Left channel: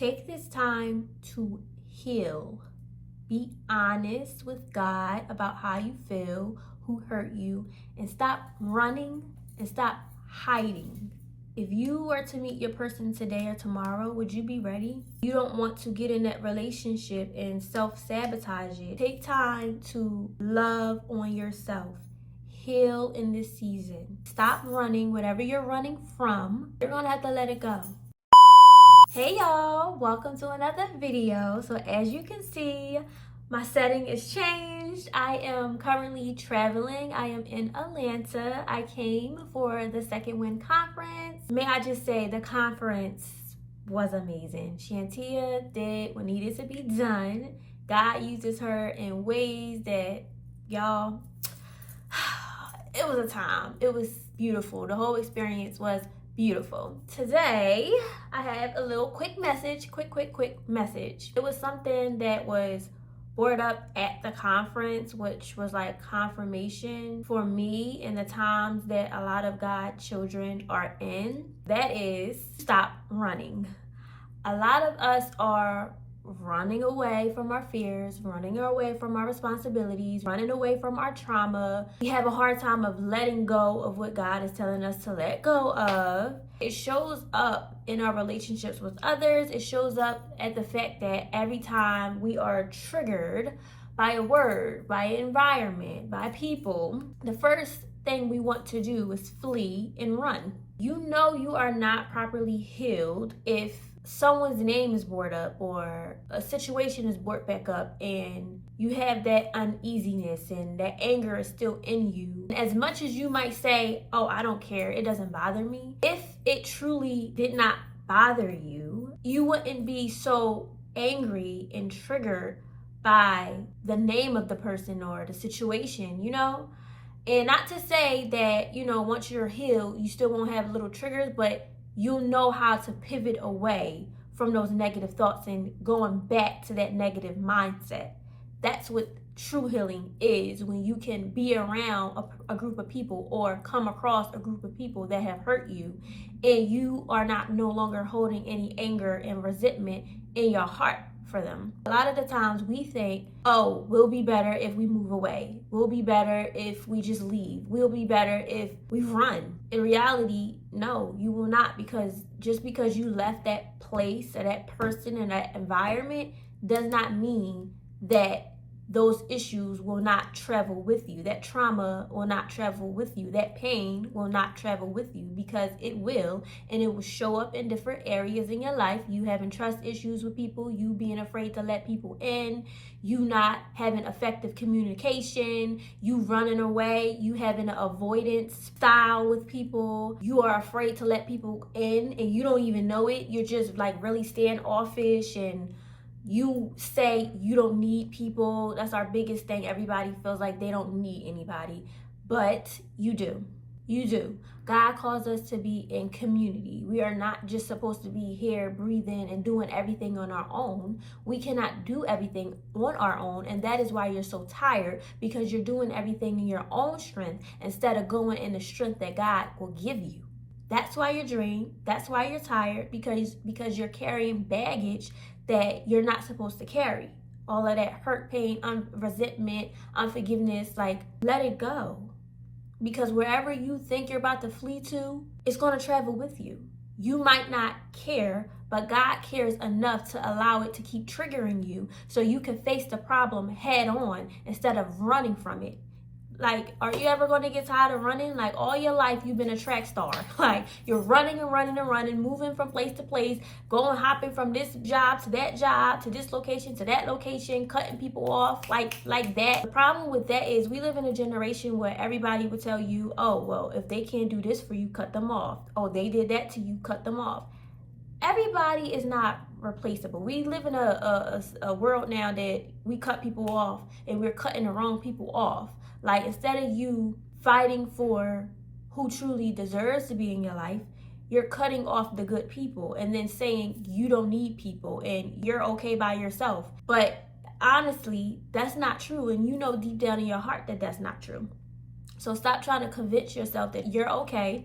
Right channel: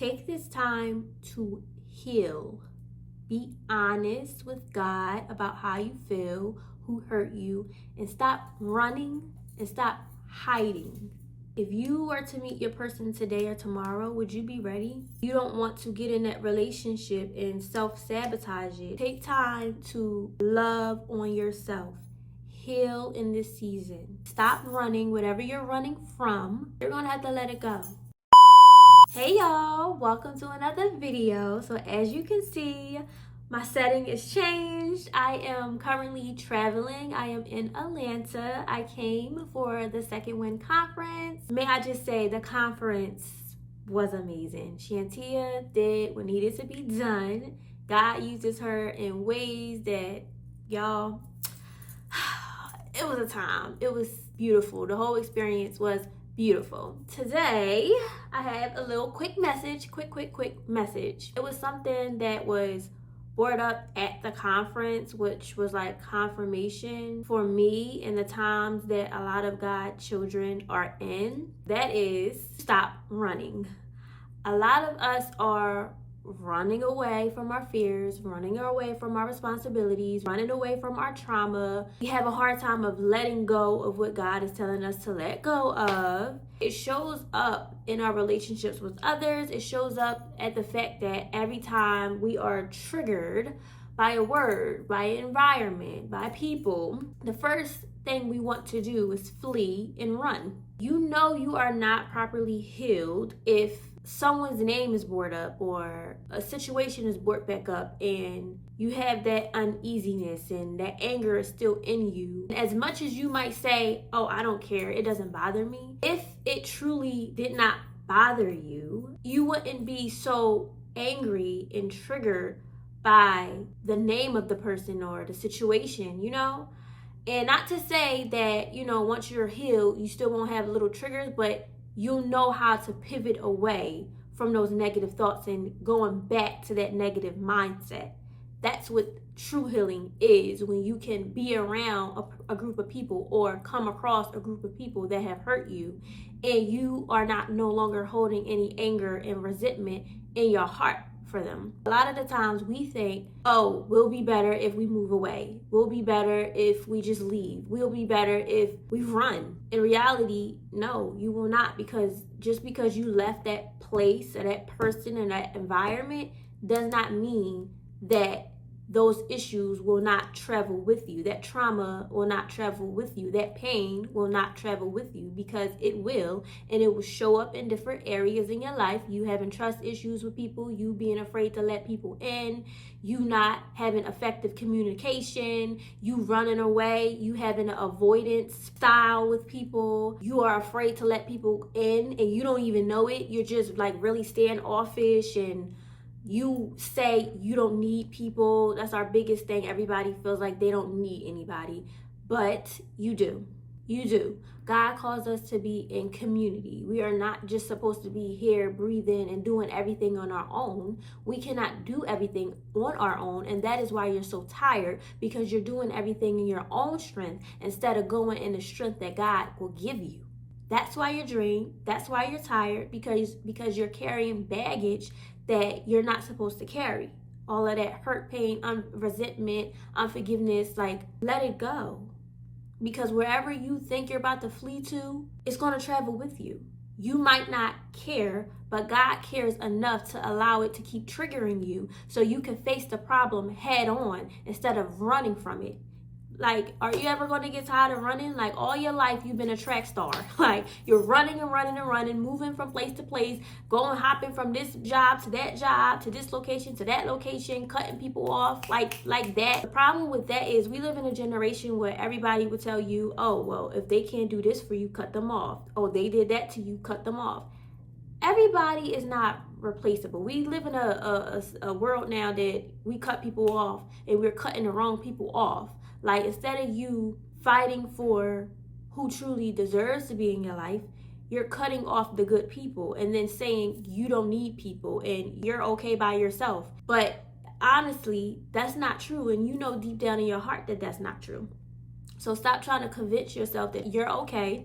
Take this time to heal. Be honest with God about how you feel, who hurt you, and stop running and stop hiding. If you were to meet your person today or tomorrow, would you be ready? You don't want to get in that relationship and self-sabotage it. Take time to love on yourself. Heal in this season. Stop running. Whatever you're running from, you're gonna have to let it go. Hey y'all, welcome to another video. So as you can see, my setting is changed. I am currently traveling. I am in Atlanta. I came for the Second Wind Conference. May I just say the conference was amazing. Shantia did what needed to be done. God uses her in ways that, y'all, it was a time. It was beautiful. The whole experience was beautiful. Today, I have a little quick message, quick message. It was something that was brought up at the conference, which was like confirmation for me in the times that a lot of God's children are in. That is, stop running. A lot of us are running away from our fears, running away from our responsibilities, running away from our trauma. We have a hard time of letting go of what God is telling us to let go of. It shows up in our relationships with others. It shows up at the fact that every time we are triggered by a word, by an environment, by people, the first thing we want to do is flee and run. You know you are not properly healed if someone's name is brought up or a situation is brought back up and you have that uneasiness and that anger is still in you. As much as you might say, oh, I don't care, it doesn't bother me. If it truly did not bother you, you wouldn't be so angry and triggered by the name of the person or the situation, you know? And not to say that, you know, once you're healed, you still won't have little triggers, but you'll know how to pivot away from those negative thoughts and going back to that negative mindset. That's what true healing is, when you can be around a group of people or come across a group of people that have hurt you and you are no longer holding any anger and resentment in your heart for them. A lot of the times we think, oh, we'll be better if we move away. We'll be better if we just leave. We'll be better if we run. In reality, no, you will not, because just because you left that place or that person and that environment does not mean that those issues will not travel with you. That trauma will not travel with you. That pain will not travel with you, because it will, and it will show up in different areas in your life. You having trust issues with people, you being afraid to let people in, you not having effective communication, you running away, you having an avoidance style with people, you are afraid to let people in and you don't even know it. You're just like really standoffish and you say you don't need people. That's our biggest thing. Everybody feels like they don't need anybody, but you do. You do. God calls us to be in community. We are not just supposed to be here breathing and doing everything on our own. We cannot do everything on our own, and that is why you're so tired, because you're doing everything in your own strength instead of going in the strength that God will give you. That's why you're drained. That's why you're tired, because you're carrying baggage that you're not supposed to carry. All of that hurt, pain, resentment, unforgiveness, like, let it go. Because wherever you think you're about to flee to, it's going to travel with you. You might not care, but God cares enough to allow it to keep triggering you so you can face the problem head on instead of running from it. Like, are you ever going to get tired of running? Like, all your life you've been a track star. Like, you're running and running and running, moving from place to place, hopping from this job to that job, to this location to that location, cutting people off like that. The problem with that is we live in a generation where everybody would tell you, oh, well, if they can't do this for you, cut them off. Oh, they did that to you, cut them off. Everybody is not replaceable. We live in a world now that we cut people off and we're cutting the wrong people off. Like, instead of you fighting for who truly deserves to be in your life, you're cutting off the good people and then saying you don't need people and you're okay by yourself. But honestly, that's not true. And you know deep down in your heart that that's not true. So stop trying to convince yourself that you're okay.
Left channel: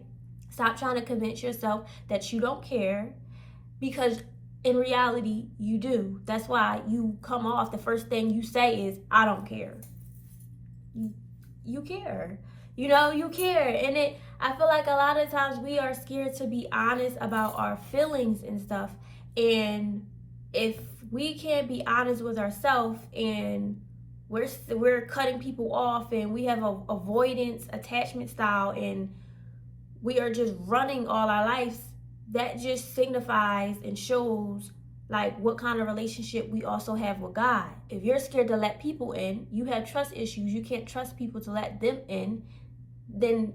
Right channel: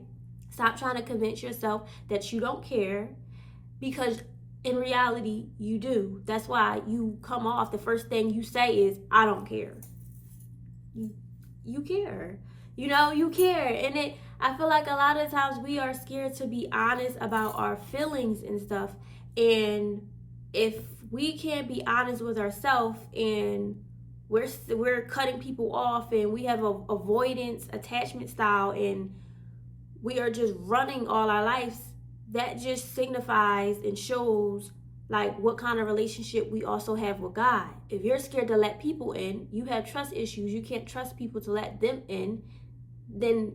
Stop trying to convince yourself that you don't care, because in reality, you do. That's why you come off, the first thing you say is, I don't care. You care. You know, you care. And I feel like a lot of times we are scared to be honest about our feelings and stuff. And if we can't be honest with ourselves, and we're cutting people off, and we have a avoidance attachment style, and we are just running all our lives, that just signifies and shows like what kind of relationship we also have with God. If you're scared to let people in, you have trust issues, you can't trust people to let them in, then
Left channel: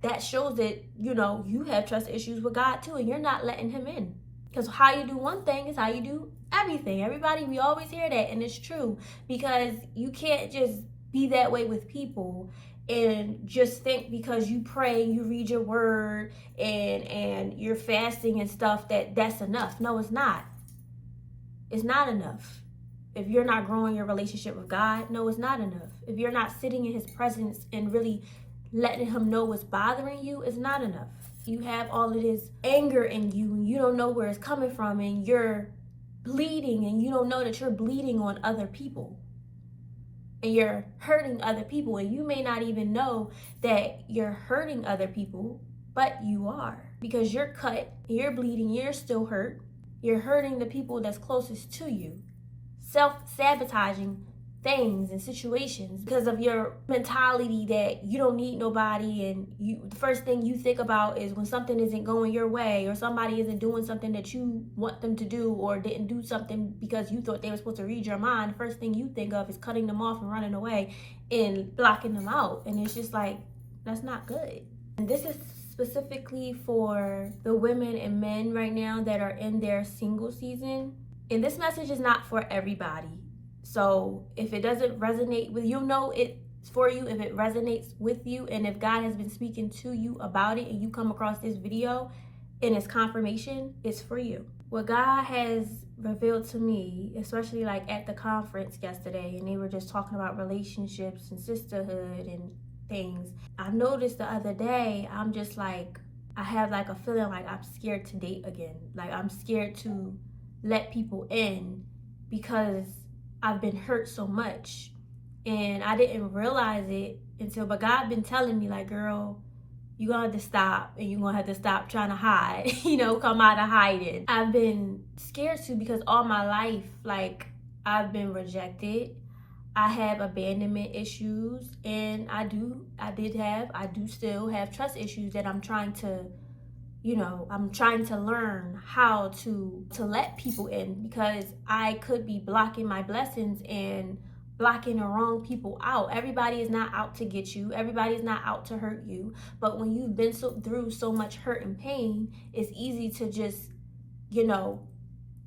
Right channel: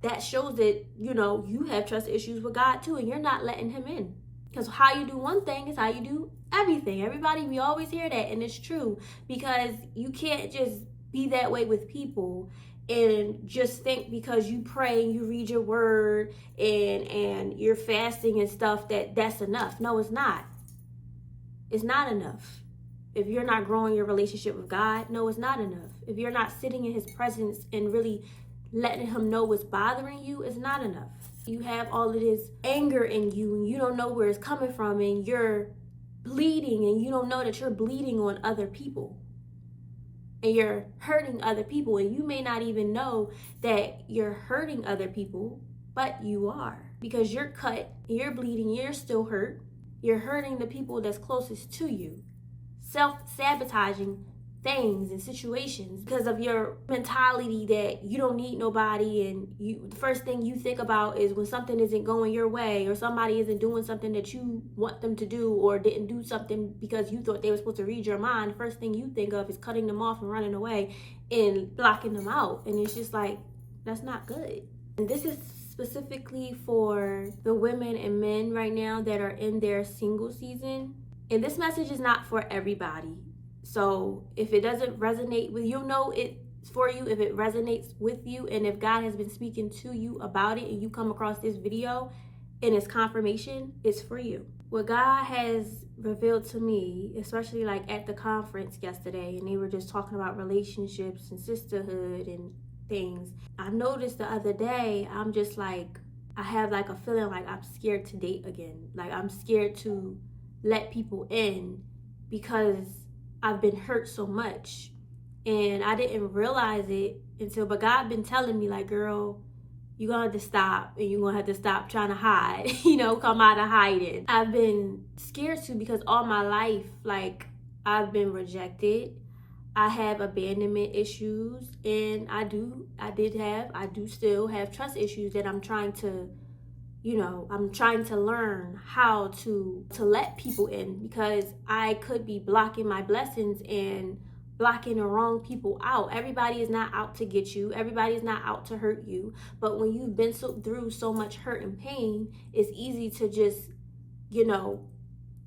that shows that, you know, you have trust issues with God too, and you're not letting him in. Because how you do one thing is how you do everything. Everybody, we always hear that, and it's true, because you can't just be that way with people and just think because you pray and you read your word and you're fasting and stuff that's enough. No, it's not. It's not enough. If you're not growing your relationship with God, no, it's not enough. If you're not sitting in his presence and really letting him know what's bothering you, it's not enough. You have all of this anger in you and you don't know where it's coming from, and you're bleeding and you don't know that you're bleeding on other people. And you're hurting other people, and you may not even know that you're hurting other people, but you are, because you're cut, you're bleeding, you're still hurt. You're hurting the people that's closest to you, self-sabotaging things and situations because of your mentality that you don't need nobody, and the first thing you think about is when something isn't going your way, or somebody isn't doing something that you want them to do, or didn't do something because you thought they were supposed to read your mind. The first thing you think of is cutting them off and running away and blocking them out, and it's just like, that's not good. And this is specifically for the women and men right now that are in their single season, and this message is not for everybody. So if it doesn't resonate with you, know it's for you. If it resonates with you, and if God has been speaking to you about it, and you come across this video and it's confirmation, it's for you. What God has revealed to me, especially like at the conference yesterday, and they were just talking about relationships and sisterhood and things. I noticed the other day, I'm just like, I have like a feeling like I'm scared to date again. Like I'm scared to let people in because I've been hurt so much, and I didn't realize it but God been telling me like, girl, you're gonna have to stop, and you're gonna have to stop trying to hide, come out of hiding. I've been scared to, because all my life, like, I've been rejected. I have abandonment issues, and I do still have trust issues that I'm trying to, I'm trying to learn how to let people in, because I could be blocking my blessings and blocking the wrong people out. Everybody is not out to get you. Everybody is not out to hurt you. But when you've been through so much hurt and pain, it's easy to just,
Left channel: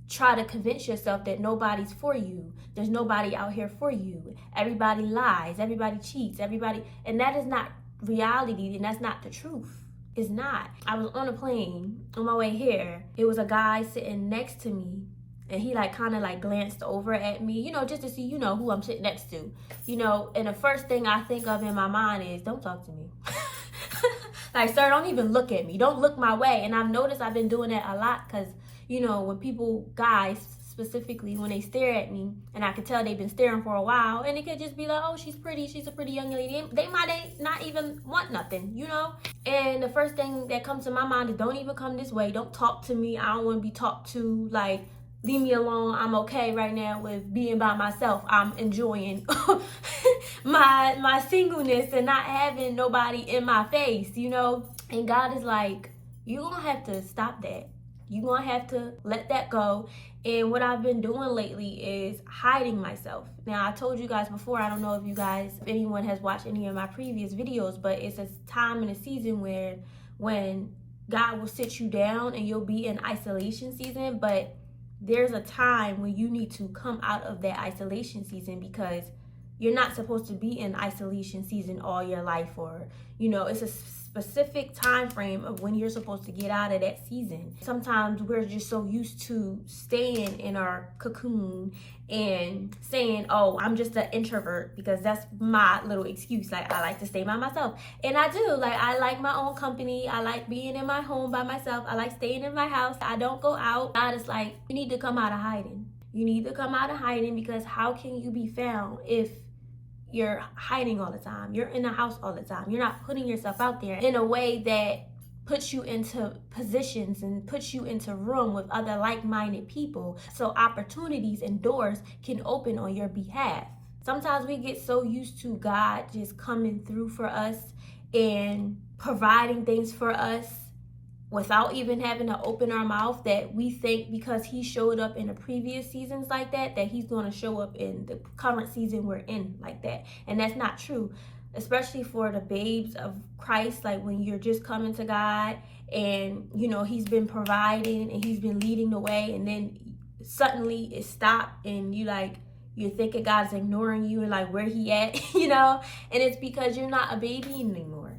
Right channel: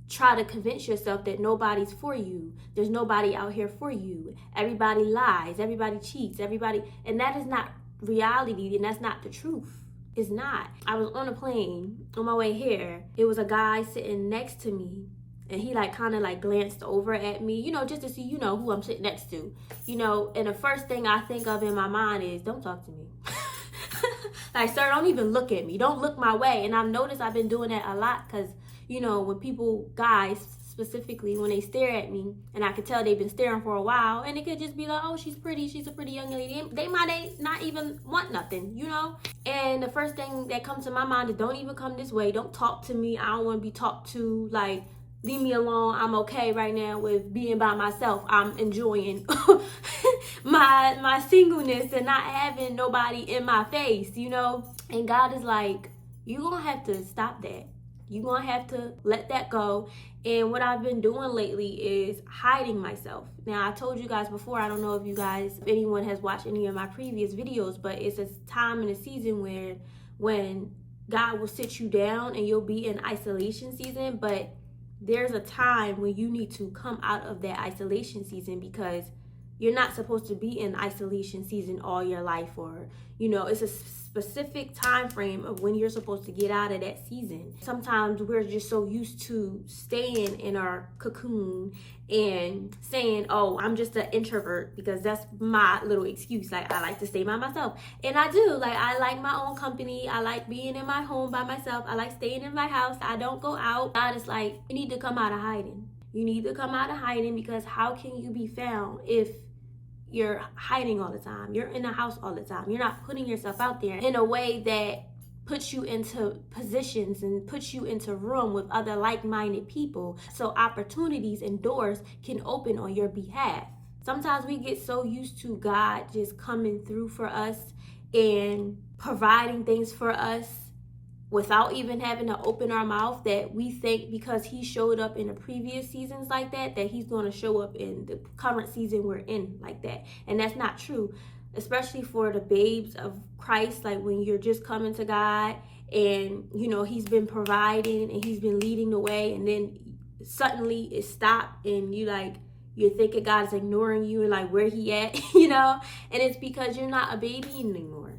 try to convince yourself that nobody's for you. There's nobody out here for you. Everybody lies. Everybody cheats. And that is not reality, and that's not the truth. It's not. I was on a plane on my way here. It was a guy sitting next to me, and he kind of glanced over at me, just to see, who I'm sitting next to, and the first thing I think of in my mind is, don't talk to me. Like, sir, don't even look at me. Don't look my way. And I've noticed I've been doing that a lot, because, when people, guys specifically, when they stare at me, and I could tell they've been staring for a while, and it could just be like, oh, she's pretty, she's a pretty young lady. They might not even want nothing, And the first thing that comes to my mind is, don't even come this way. Don't talk to me. I don't want to be talked to. Like, leave me alone. I'm okay right now with being by myself. I'm enjoying my singleness and not having nobody in my face, And God is like, you're going to have to stop that. You're going to have to let that go. And what I've been doing lately is hiding myself. Now, I told you guys before, I don't know if anyone has watched any of my previous videos, but it's a time and a season where when God will sit you down and you'll be in isolation season, but there's a time when you need to come out of that isolation season, because You're not supposed to be in isolation season all your life, or, it's a specific time frame of when you're supposed to get out of that season. Sometimes we're just so used to staying in our cocoon and saying, oh, I'm just an introvert, because that's my little excuse. Like, I like to stay by myself. And I do. Like, I like my own company. I like being in my home by myself. I like staying in my house. I don't go out. God is like, you need to come out of hiding. You need to come out of hiding, because how can you be found if you're hiding all the time? You're in the house all the time. You're not putting yourself out there in a way that puts you into positions and puts you into room with other like-minded people, so opportunities and doors can open on your behalf. Sometimes we get so used to God just coming through for us and providing things for us without even having to open our mouth, that we think because he showed up in the previous seasons like that he's going to show up in the current season we're in like that. And that's not true, especially for the babes of Christ. Like, when you're just coming to God and, he's been providing and he's been leading the way, and then suddenly it stopped and you're thinking God's ignoring you and like, where he at, and it's because you're not a baby anymore.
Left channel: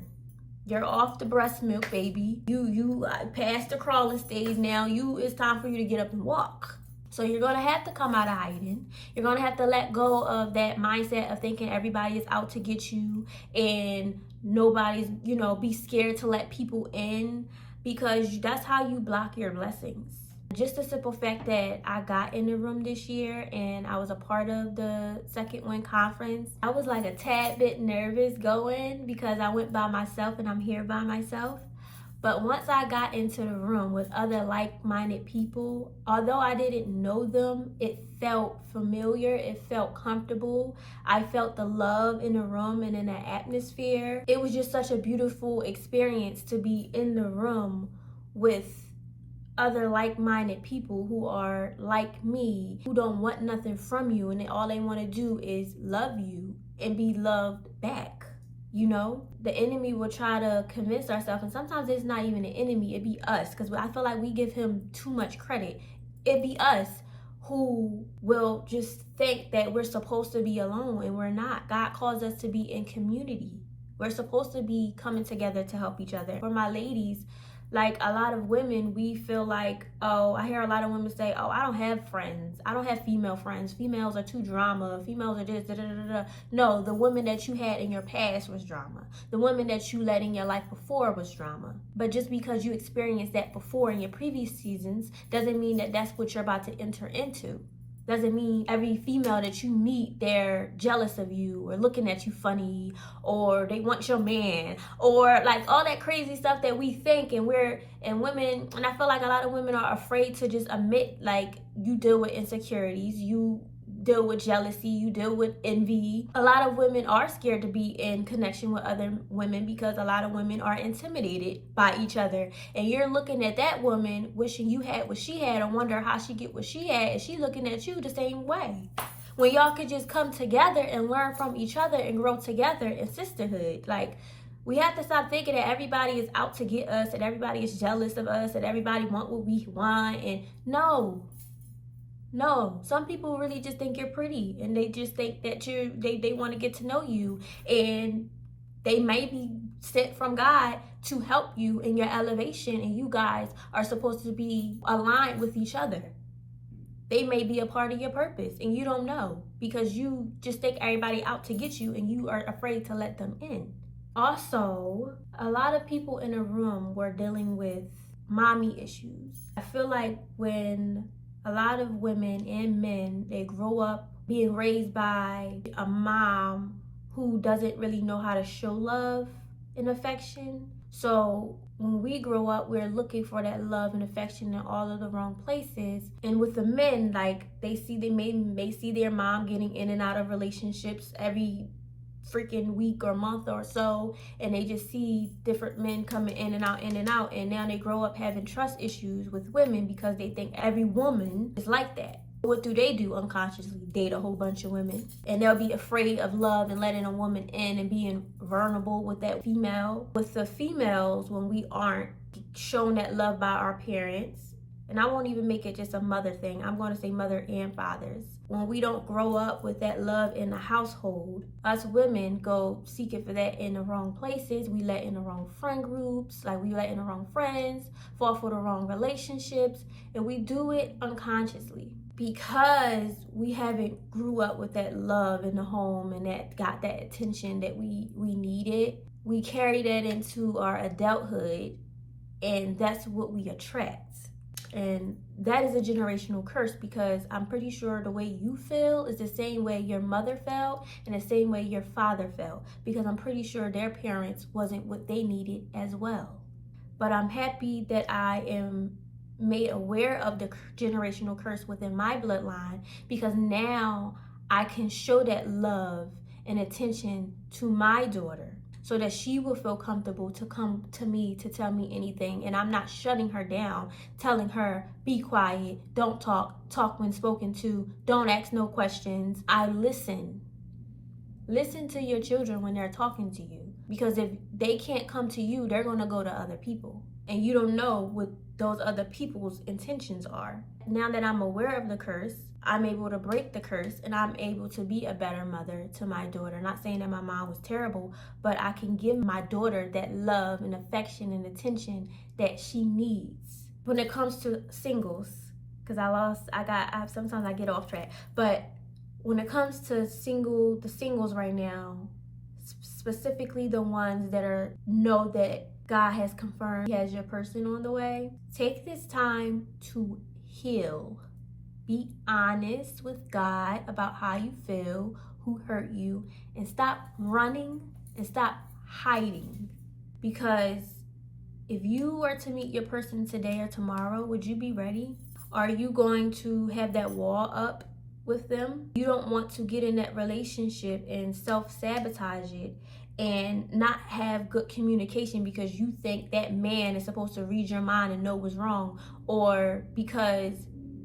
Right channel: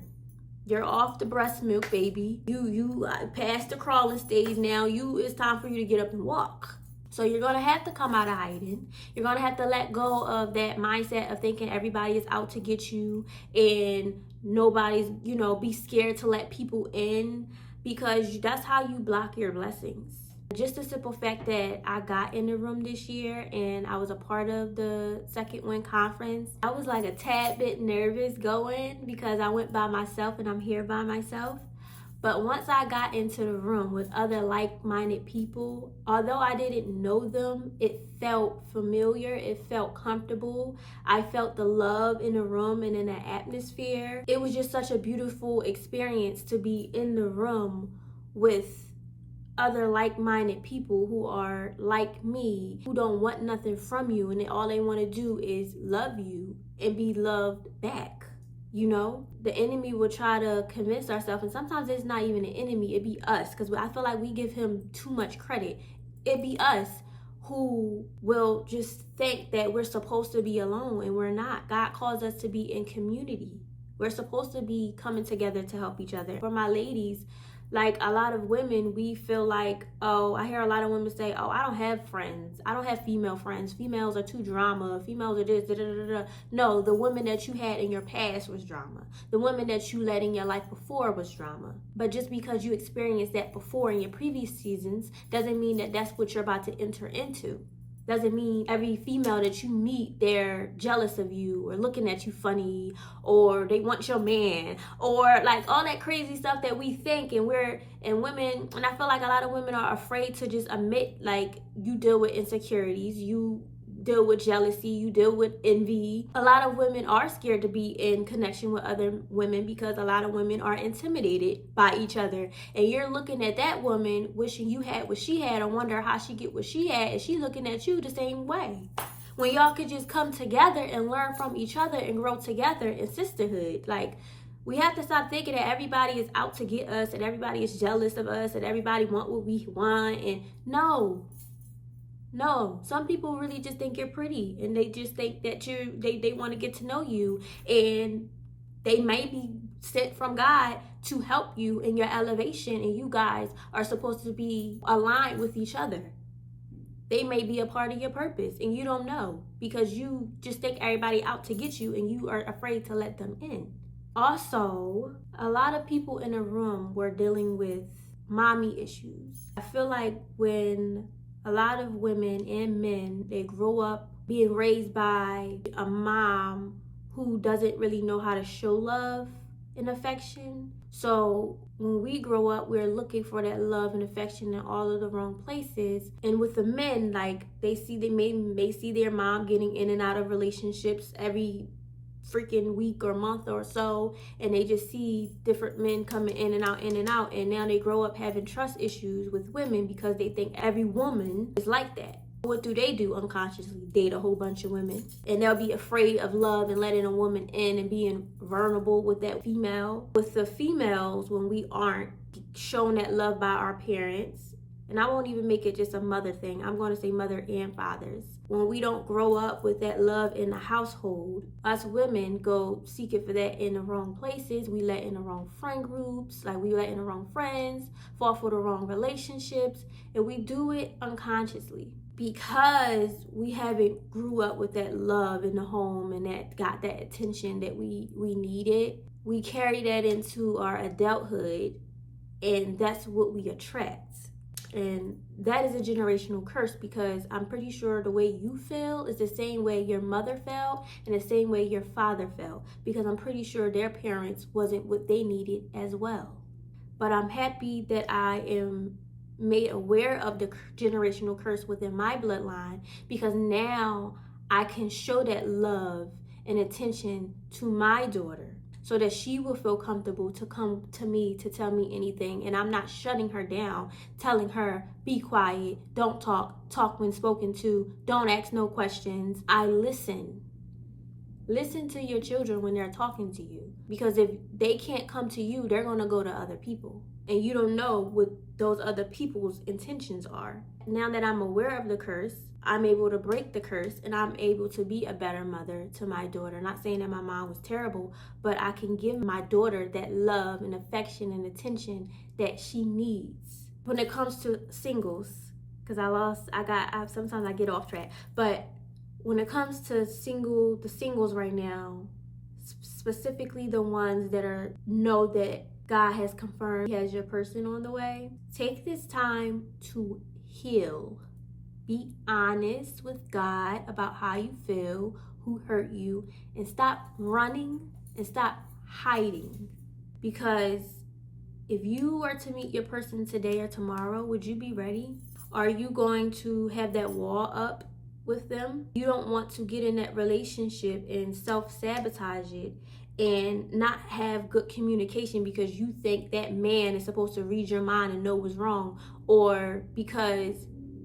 You're off the breast milk, baby. You passed the crawling stage. Now it's time for you to get up and walk. So you're going to have to come out of hiding. You're going to have to let go of that mindset of thinking everybody is out to get you and nobody's, be scared to let people in, because that's how you block your blessings. Just the simple fact that I got in the room this year and I was a part of the Second Wind Conference, I was like a tad bit nervous going, because I went by myself and I'm here by myself. But once I got into the room with other like-minded people, although I didn't know them, it felt familiar, it felt comfortable. I felt the love in the room and in the atmosphere. It was just such a beautiful experience to be in the room with other like-minded people who are like me, who don't want nothing from you, and all they want to do is love you and be loved back. The enemy will try to convince ourselves, and sometimes it's not even an enemy, it be us, because I feel like we give him too much credit. It be us who will just think that we're supposed to be alone, and we're not. God calls us to be in community. We're supposed to be coming together to help each other. For my ladies, like, a lot of women, we feel like, I hear a lot of women say, I don't have friends. I don't have female friends. Females are too drama. Females are this, da, da, da, da. No, the women that you had in your past was drama. The women that you led in your life before was drama. But just because you experienced that before in your previous seasons doesn't mean that that's what you're about to enter into. Doesn't mean every female that you meet, they're jealous of you or looking at you funny, or they want your man, or like all that crazy stuff that we think. And women, and I feel like a lot of women are afraid to just admit, like, you deal with insecurities, you deal with jealousy, you deal with envy. A lot of women are scared to be in connection with other women, because a lot of women are intimidated by each other. And you're looking at that woman wishing you had what she had, and wonder how she get what she had, and she looking at you the same way, when y'all could just come together and learn from each other and grow together in sisterhood. Like, we have to stop thinking that everybody is out to get us, that everybody is jealous of us, that everybody want what we want. And no, some people really just think you're pretty, and they just think that they want to get to know you, and they may be sent from God to help you in your elevation, and you guys are supposed to be aligned with each other. They may be a part of your purpose, and you don't know, because you just think everybody out to get you, and you are afraid to let them in. Also, a lot of people in a room were dealing with mommy issues. I feel like when a lot of women and men, they grow up being raised by a mom who doesn't really know how to show love and affection. So when we grow up, we're looking for that love and affection in all of the wrong places. And with the men, like, they may see their mom getting in and out of relationships every freaking week or month or so, and they just see different men coming in and out, and now they grow up having trust issues with women because they think every woman is like that. What do? Unconsciously date a whole bunch of women, and they'll be afraid of love and letting a woman in and being vulnerable with that female. With the females, when we aren't shown that love by our parents, and I won't even make it just a mother thing. I'm going to say mother and fathers. When we don't grow up with that love in the household, us women go seeking for that in the wrong places. We let in the wrong friend groups, like we let in the wrong friends, fall for the wrong relationships, and we do it unconsciously because we haven't grew up with that love in the home and that got that attention that we needed. We carry that into our adulthood, and that's what we attract. And that is a generational curse, because I'm pretty sure the way you feel is the same way your mother felt and the same way your father felt, because I'm pretty sure their parents wasn't what they needed as well. But I'm happy that I am made aware of the generational curse within my bloodline, because now I can show that love and attention to my daughter, so that she will feel comfortable to come to me to tell me anything. And I'm not shutting her down, telling her, be quiet, don't talk when spoken to, don't ask no questions. I listen. Listen to your children when they're talking to you, because if they can't come to you, they're going to go to other people. And you don't know what those other people's intentions are. Now that I'm aware of the curse, I'm able to break the curse, and I'm able to be a better mother to my daughter. Not saying that my mom was terrible, but I can give my daughter that love and affection and attention that she needs. When it comes to singles, because sometimes I get off track, but when it comes to the singles right now, specifically the ones that know that God has confirmed He has your person on the way, take this time to heal. Be honest with God about how you feel, who hurt you, and stop running and stop hiding. Because if you were to meet your person today or tomorrow, would you be ready? Are you going to have that wall up with them? You don't want to get in that relationship and self-sabotage it and not have good communication because you think that man is supposed to read your mind and know what's wrong, or because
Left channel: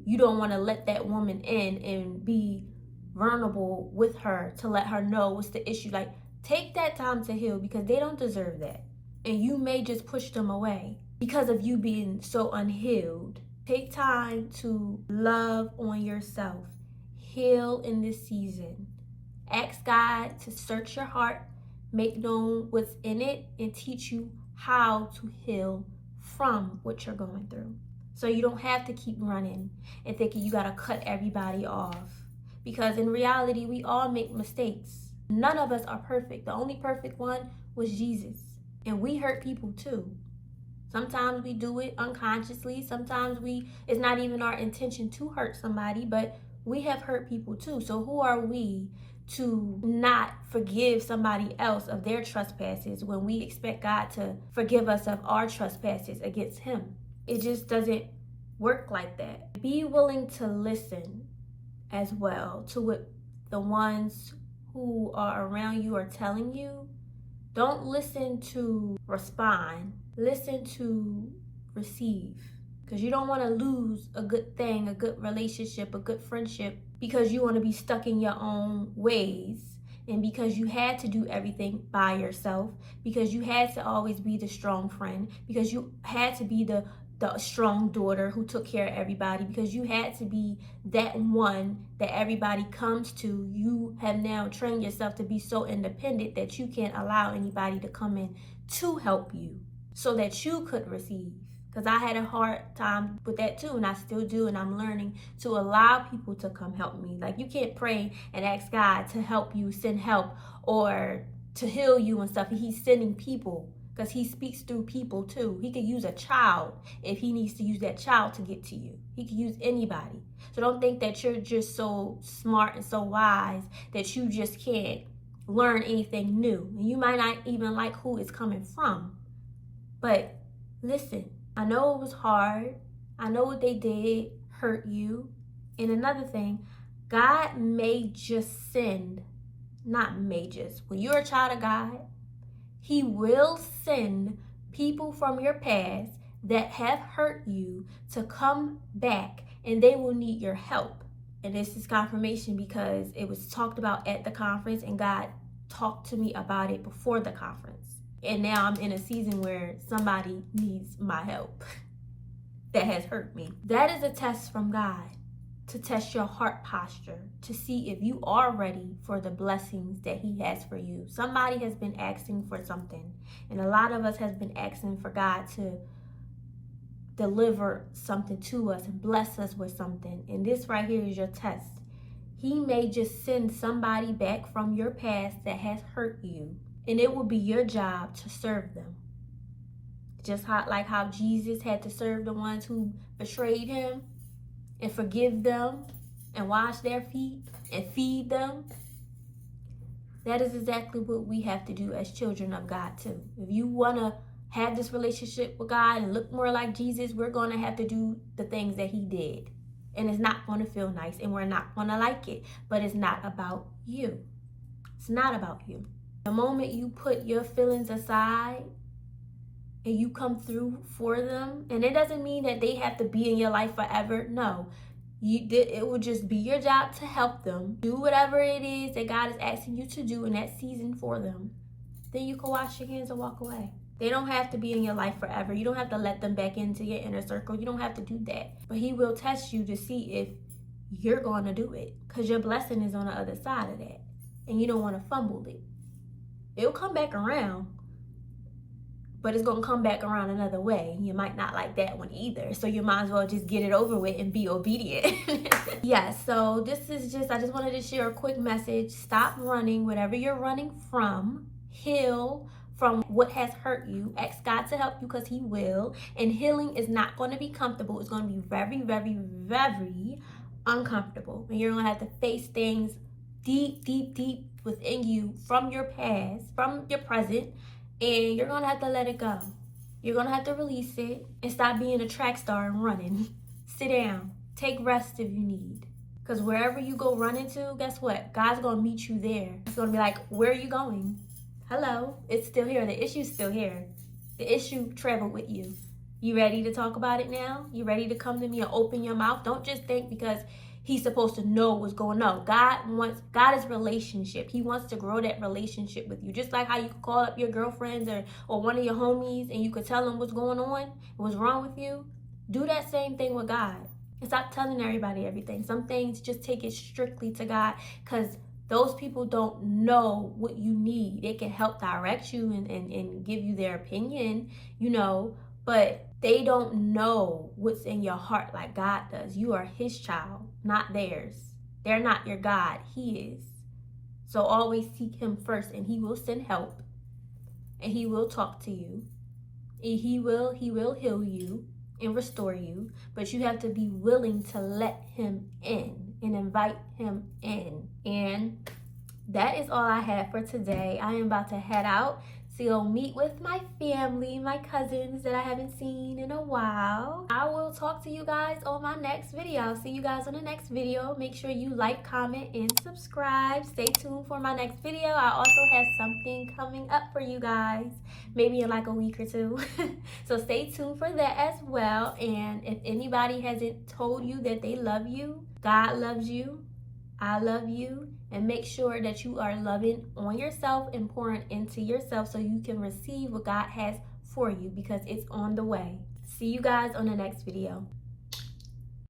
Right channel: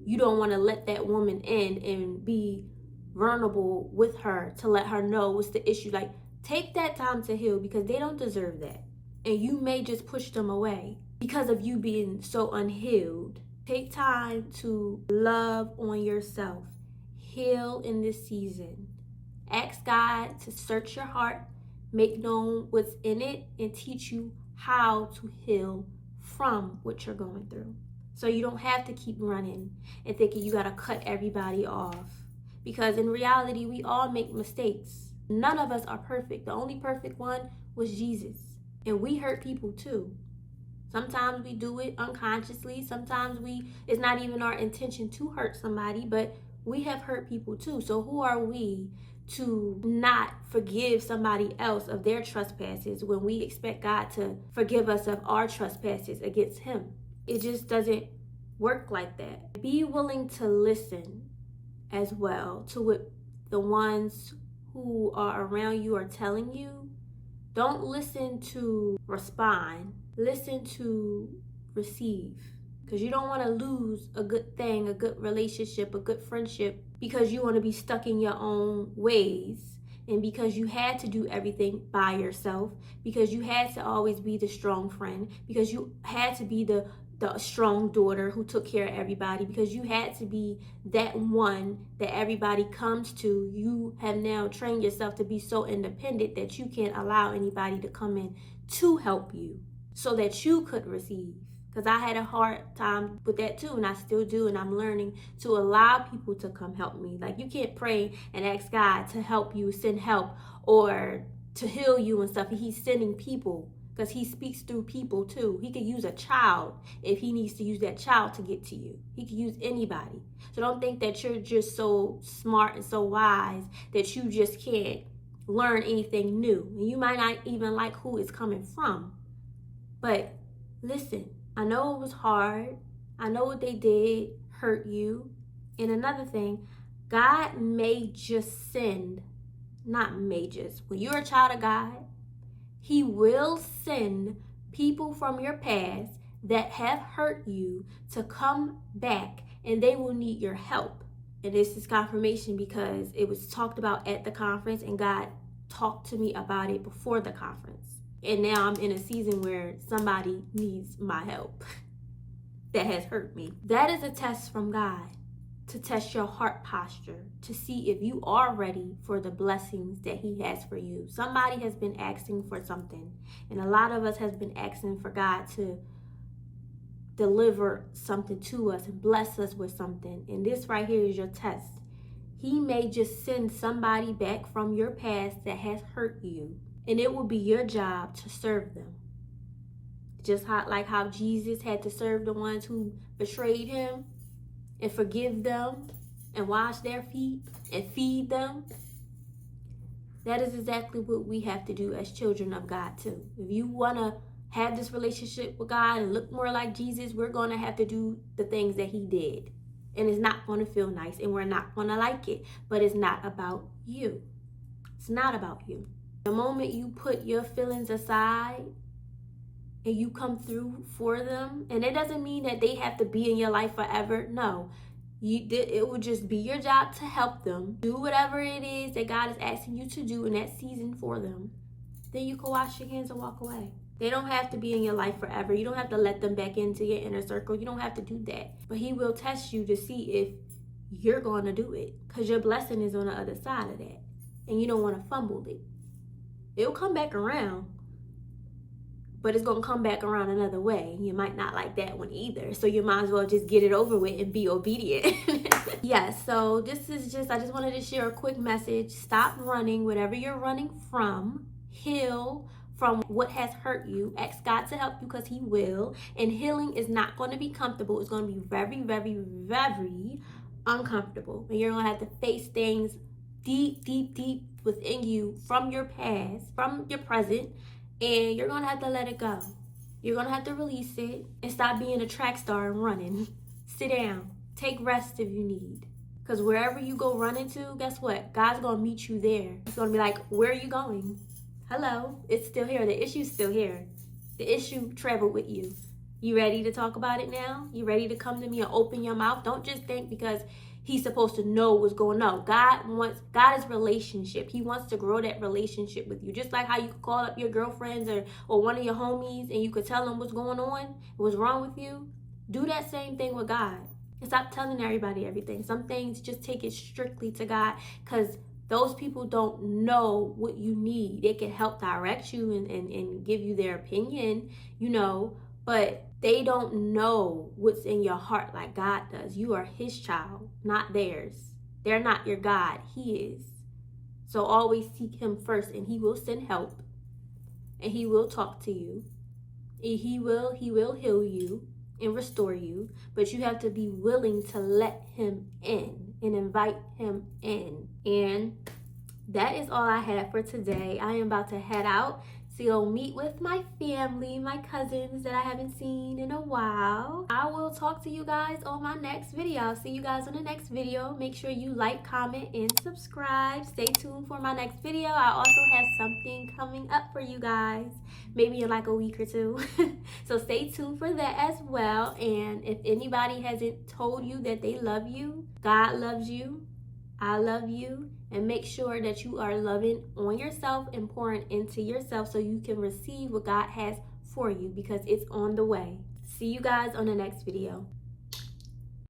you don't want to let that woman in and be vulnerable with her to let her know what's the issue. Like, take that time to heal, because they don't deserve that. And you may just push them away because of you being so unhealed. Take time to love on yourself. Heal in this season. Ask God to search your heart, make known what's in it, and teach you how to heal from what you're going through. So you don't have to keep running and thinking you gotta cut everybody off. Because in reality, we all make mistakes. None of us are perfect. The only perfect one was Jesus. And we hurt people too. Sometimes we do it unconsciously. Sometimes it's not even our intention to hurt somebody, but we have hurt people too. So who are we to not forgive somebody else of their trespasses when we expect God to forgive us of our trespasses against Him? It just doesn't work like that. Be willing to listen as well to what the ones who are around you are telling you. Don't listen to respond. Listen to receive. Because you don't want to lose a good thing, a good relationship, a good friendship, because you want to be stuck in your own ways, and because you had to do everything by yourself, because you had to always be the strong friend, because you had to be the strong daughter who took care of everybody, because you had to be that one that everybody comes to. You have now trained yourself to be so independent that you can't allow anybody to come in to help you so that you could receive. Because I had a hard time with that too, and I still do, and I'm learning to allow people to come help me. Like, you can't pray and ask God to help you, send help, or to heal you and stuff. He's sending people, because He speaks through people too. He could use a child if He needs to use that child to get to you. He could use anybody. So don't think that you're just so smart and so wise that you just can't learn anything new. And you might not even like who it's coming from. But listen, I know it was hard. I know what they did hurt you. And another thing, God may just send, not may just, when you're a child of God, He will send people from your past that have hurt you to come back, and they will need your help. And this is confirmation because it was talked about at the conference, and God talked to me about it before the conference. And now I'm in a season where somebody needs my help. that has hurt me. That is a test from God, to test your heart posture, to see if you are ready for the blessings that he has for you. Somebody has been asking for something, and a lot of us has been asking for God to deliver something to us and bless us with something. And this right here is your test. He may just send somebody back from your past that has hurt you, and it will be your job to serve them. Just like how Jesus had to serve the ones who betrayed him and forgive them and wash their feet and feed them. That is exactly what we have to do as children of God too. If you want to have this relationship with God and look more like Jesus, we're going to have to do the things that he did. And it's not going to feel nice, and we're not going to like it. But it's not about you. It's not about you. The moment you put your feelings aside and you come through for them, and it doesn't mean that they have to be in your life forever. No. It will just be your job to help them. Do whatever it is that God is asking you to do in that season for them. Then you can wash your hands and walk away. They don't have to be in your life forever. You don't have to let them back into your inner circle. You don't have to do that. But he will test you to see if you're going to do it, because your blessing is on the other side of that, and you don't want to fumble it. It'll come back around, but it's going to come back around another way. You might not like that one either. So you might as well just get it over with and be obedient. Yes, so this is I just wanted to share a quick message. Stop running, whatever you're running from. Heal from what has hurt you. Ask God to help you, because he will. And healing is not going to be comfortable. It's going to be very, very, very uncomfortable. And you're going to have to face things deep, deep, deep within you from your past, from your present. And you're going to have to let it go. You're going to have to release it and stop being a track star and running. Sit down. Take rest if you need. Because wherever you go running to, guess what? God's going to meet you there. He's going to be like, where are you going? Hello, it's still here. The issue's still here. The issue traveled with you. You ready to talk about it now? You ready to come to me and open your mouth? Don't just think because he's supposed to know what's going on. God is relationship. He wants to grow that relationship with you. Just like how you could call up your girlfriends or one of your homies and you could tell them what's going on, what's wrong with you. Do that same thing with God. And stop telling everybody everything. Some things, just take it strictly to God, because those people don't know what you need. They can help direct you and give you their opinion, but they don't know what's in your heart like God does. You are his child, not theirs. They're not your God. He is. So always seek him first, and he will send help, and he will talk to you. And he will heal you and restore you, but you have to be willing to let him in and invite him in. And that is all I have for today. I am about to head out to go meet with my family, my cousins that I haven't seen in a while. I will talk to you guys on my next video. I'll see you guys on the next video. Make sure you like, comment, and subscribe. Stay tuned for my next video. I also have something coming up for you guys, maybe in like a week or two. So stay tuned for that as well. And if anybody hasn't told you that they love you, God loves you, I love you. And make sure that you are loving on yourself and pouring into yourself so you can receive what God has for you, because it's on the way. See you guys on the next video.